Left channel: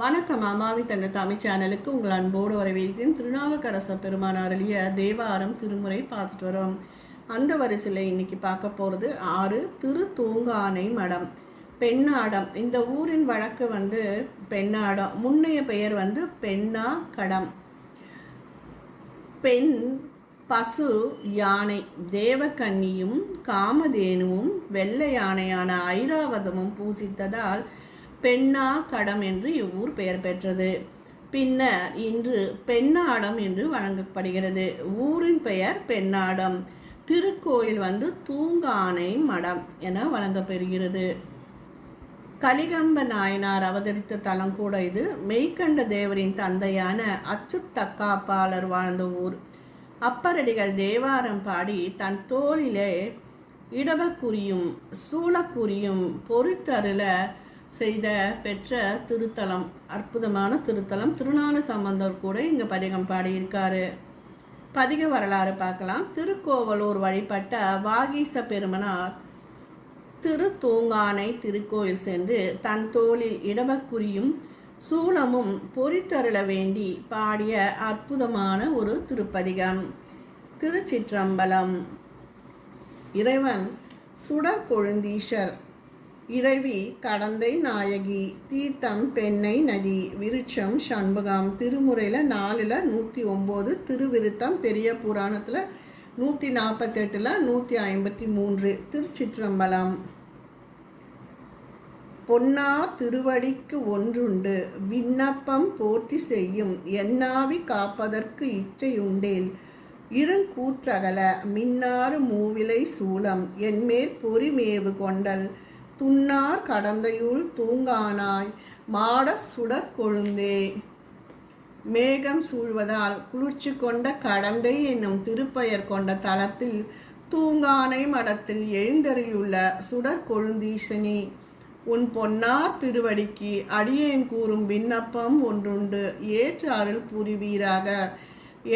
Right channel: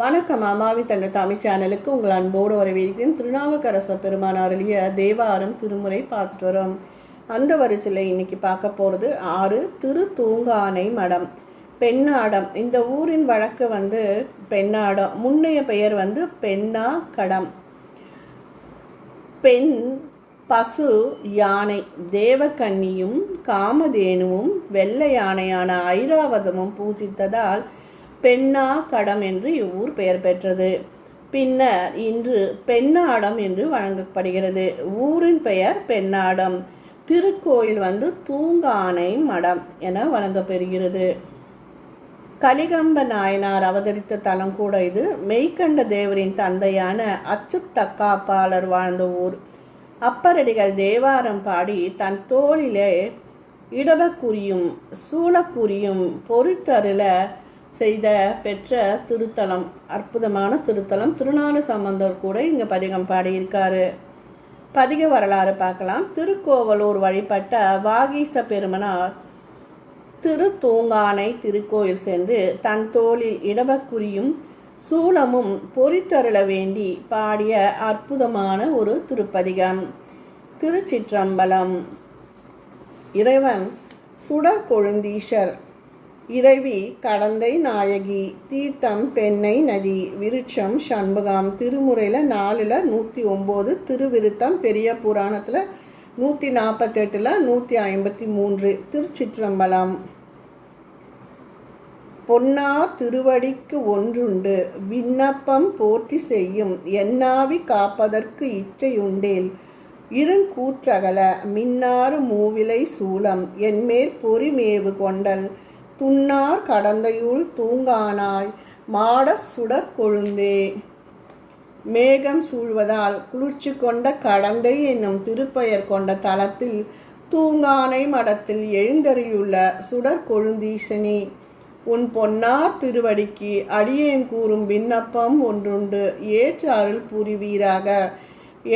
வணக்கம் அம்மாவி தங்க தமிழ் சேனலுக்கு உங்கள் அன்போடு வரவேற்கிறேன். திருநாவுக்கரச பெருமான் அருளிய தேவாரம் திருமுறை பார்த்துட்டு வரோம். அந்த வரிசையில் இன்னைக்கு பார்க்க போகிறது ஆறு திரு தூங்கானை மடம். பெண்ணாடம். இந்த ஊரின் வழக்கு வந்து பெண்ணாடம். முன்னைய பெயர் வந்து பெண்ணா கடம் பெண் பசு யானை தேவக்கன்னியும் காமதேனுவும் வெள்ளை யானையான ஐராவதமும் பூசித்ததால் பெண்ணா கடம் என்று இவ்வூர் பெயர் பெற்றது. பின்னர் இன்று பெண்ணாடம் என்று வழங்கப்படுகிறது. ஊரின் பெயர் பெண்ணாடம். திருக்கோயில் வந்து தூங்கானை மடம் என வழங்கப்பெறுகிறது. கலிகம்ப நாயனார் அவதரித்த தலம் கூட இது. மெய்கண்ட தேவரின் தந்தையான அச்சுத்தக்காப்பாளர் வாழ்ந்த ஊர். அப்பரடிகள் தேவாரம் பாடி தன் தோளிலே இடவக்குறியும் சூளக்குறியும் பொறித்தருள செய்த பெற்ற திருத்தலம் அற்புதமான திருத்தலம். திருநாளு சம்பந்தர் கூட இங்கே பதிகம் பாடியிருக்காரு. பதிக வரலாறு பார்க்கலாம். திருக்கோவலூர் வழிபட்ட வாகீச பெருமனார் திரு தூங்கானை திருக்கோயில் சென்று தன் தோளில் இடவக்குறியும் சூலமும் பொறித்தருள வேண்டி பாடிய அற்புதமான ஒரு திருப்பதிகம். திருச்சிற்றம்பலம். இறைவன் சுடர் கொழுந்தீஷர் இறைவி கடந்தை நாயகி தீர்த்தம் பெண்ணை நதி விருட்சம் சண்முகம் திருமுறையில் நாலில் நூற்றி ஒம்பது திருவிருத்தம் பெரிய புராணத்தில் நூற்றி நாற்பத்தெட்டில் நூற்றி ஐம்பத்தி மூன்று திருச்சிற்றம்பலம். பொன்னார் திருவடிக்கு ஒன்றுண்டு விண்ணப்பம் போற்றி செய்யும் என்னாவி காப்பதற்கு இச்சையுண்டேல் இருங்கூற்றகல மின்னாறு மூவிலை சூளம் என்மேற் பொறிமேவு கொண்டல் துண்ணார் கடந்தையுள் தூங்கானாய் மாட சுடற் கொழுந்தே. மேகம் சூழ்வதால் குளிர்ச்சி கொண்ட கடந்தை என்னும் திருப்பெயர் கொண்ட தலத்தில் தூங்கானை மடத்தில் எழுந்தறியுள்ள சுடர் கொழுந்தீசனி உன் பொன்னார் திருவடிக்கு அடியேன் கூறும் விண்ணப்பம் ஒன்றுண்டு ஏற்று அருள் புரிவீராக.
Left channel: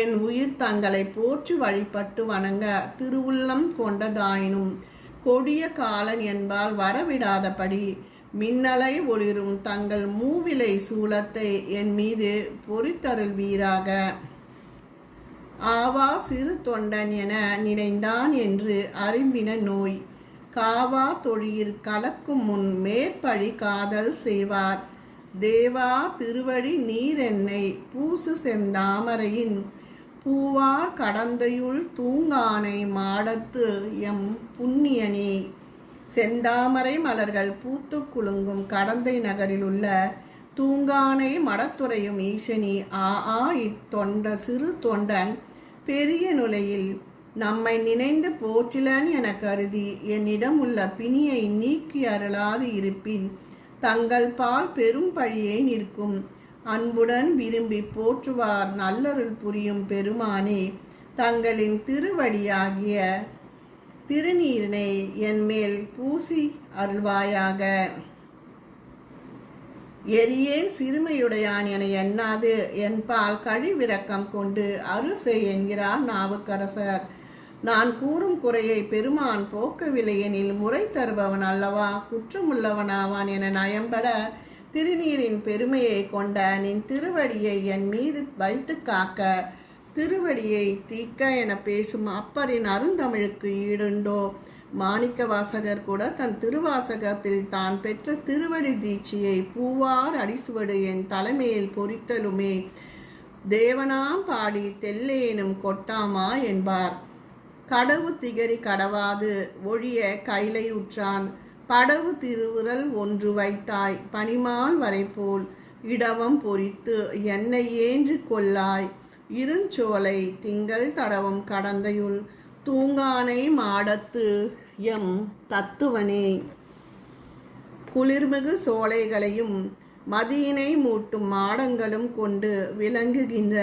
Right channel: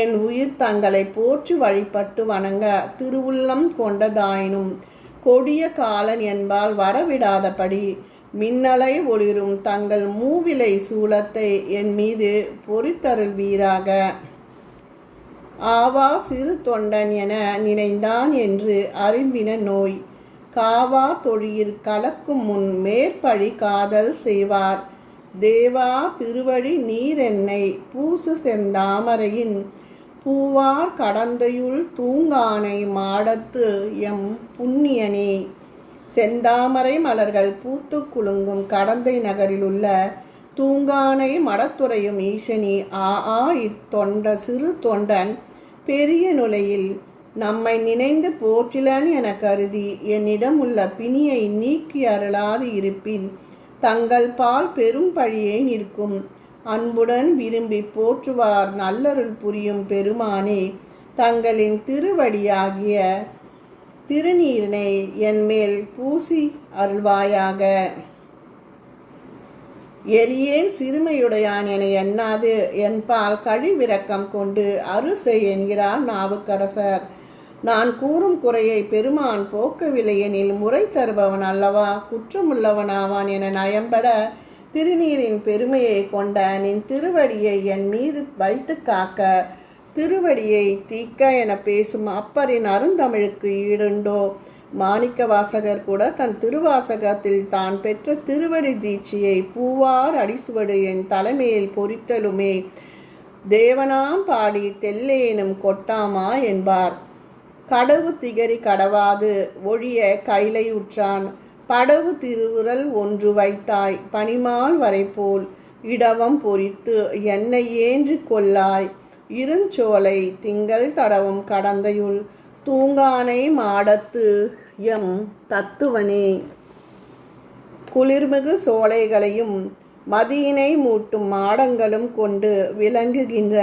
என் உயிர் தங்களை போற்றி வழிபட்டு வணங்க திருவுள்ளம் கொண்டதாயினும் கொடிய காலன் என்பால் வரவிடாதபடி மின்னலை ஒளிரும் தங்கள் மூவிலை சூலத்தை என் மீது பொறித்தருள்வீராக ஆவா சிறு தொண்டன் என நினைந்தான் என்று அறிம்பின நோய். காவா தொழில் கலக்கும் முன் மேற்பழி காதல் செய்வார். தேவா திருவடி நீரென்னை பூசு செந்தாமரையின் பூவார் கடந்தையுள் தூங்கானை மாடத்து எம் புண்ணியனே. செந்தாமரை மலர்கள் பூத்து குலுங்கும் கடந்தை நகரிலுள்ள தூங்கானை மடத்துறையும் ஈசனி. ஆ ஆ இத்தொண்ட சிறு தொண்டன் பெரிய நுழையில் நம்மை நினைந்து போற்றிலன் என கருதி என்னிடம் உள்ள பிணியை நீக்கி அருளாது இருப்பின் தங்கள் பால் பெரும் பழியை நிற்கும் அன்புடன் விரும்பி போற்றுவார் நல்லருள் புரியும் பெருமானே தங்களின் திருவடியாகிய திருநீரினை என்மேல் பூசி அருள்வாயாக. எரியேன் சிறுமையுடையான் என எண்ணாது என்பால் கழிவிறக்கம் கொண்டு அருசை என்கிறார் நாவுக்கரசர். நான் கூறும் குறையை பெருமான் போக்கவில்லை எனில் முறை தருபவன் அல்லவா குற்றமுள்ளவனாவான் என நயம்பட திருநீரின் பெருமையை கொண்ட நின் திருவடியை என் மீது வைத்து காக்க திருவடியை தீக்க என பேசும் அப்பரின் அருந்தமிழுக்கு ஈடுண்டோ? மாணிக்க வாசகர் கூட தன் திருவாசகத்தில் தான் பெற்ற திருவடி தீட்சியை பூவார் அடிசுவடு என் தலைமையில் பொறித்தலுமே. தேவனாம் பாடி தெல்லேனும் கொட்டாமா என்பார். கடவு திகரி கடவாது ஒழிய கைலை உற்றான். படவு திருவுரல் ஒன்று வைத்தாய் பனிமால் வரைபோல் இடவம் பொறித்து என்னை ஏன்று கொள்ளாய். இருஞ்சோலை திங்கள் தடவும் கடந்தையுள் தூங்கானை மாடத்து எம் தத்துவனே. குளிர்மிகு சோலைகளையும் மதியினை மூட்டும் மாடங்களும் கொண்டு விளங்குகின்ற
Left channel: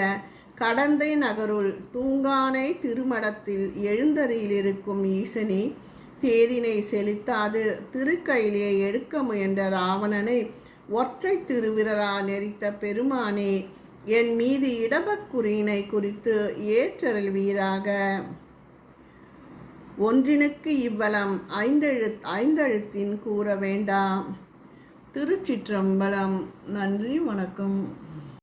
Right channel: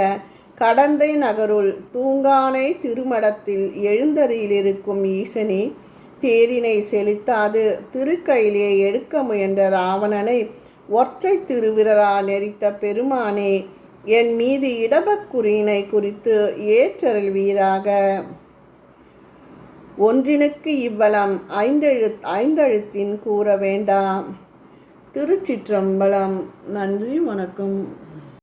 கடந்தை நகருள் தூங்கானை திருமடத்தில் எழுந்தறியிலிருக்கும் ஈசனே தேரினை செலுத்தாது. திருக்கையிலே எடுக்க முயன்ற ராவணனை ஒற்றை திருவிரரா நெறித்த பெருமானே என் மீது இடபக்குறியினை குறித்து ஏற்றருள் வீராக. ஒன்றினுக்கு இவ்வளம் ஐந்தெழு ஐந்தெழுத்தின் கூற வேண்டாம். திருச்சிற்றம்பலம். நன்றி வணக்கம்.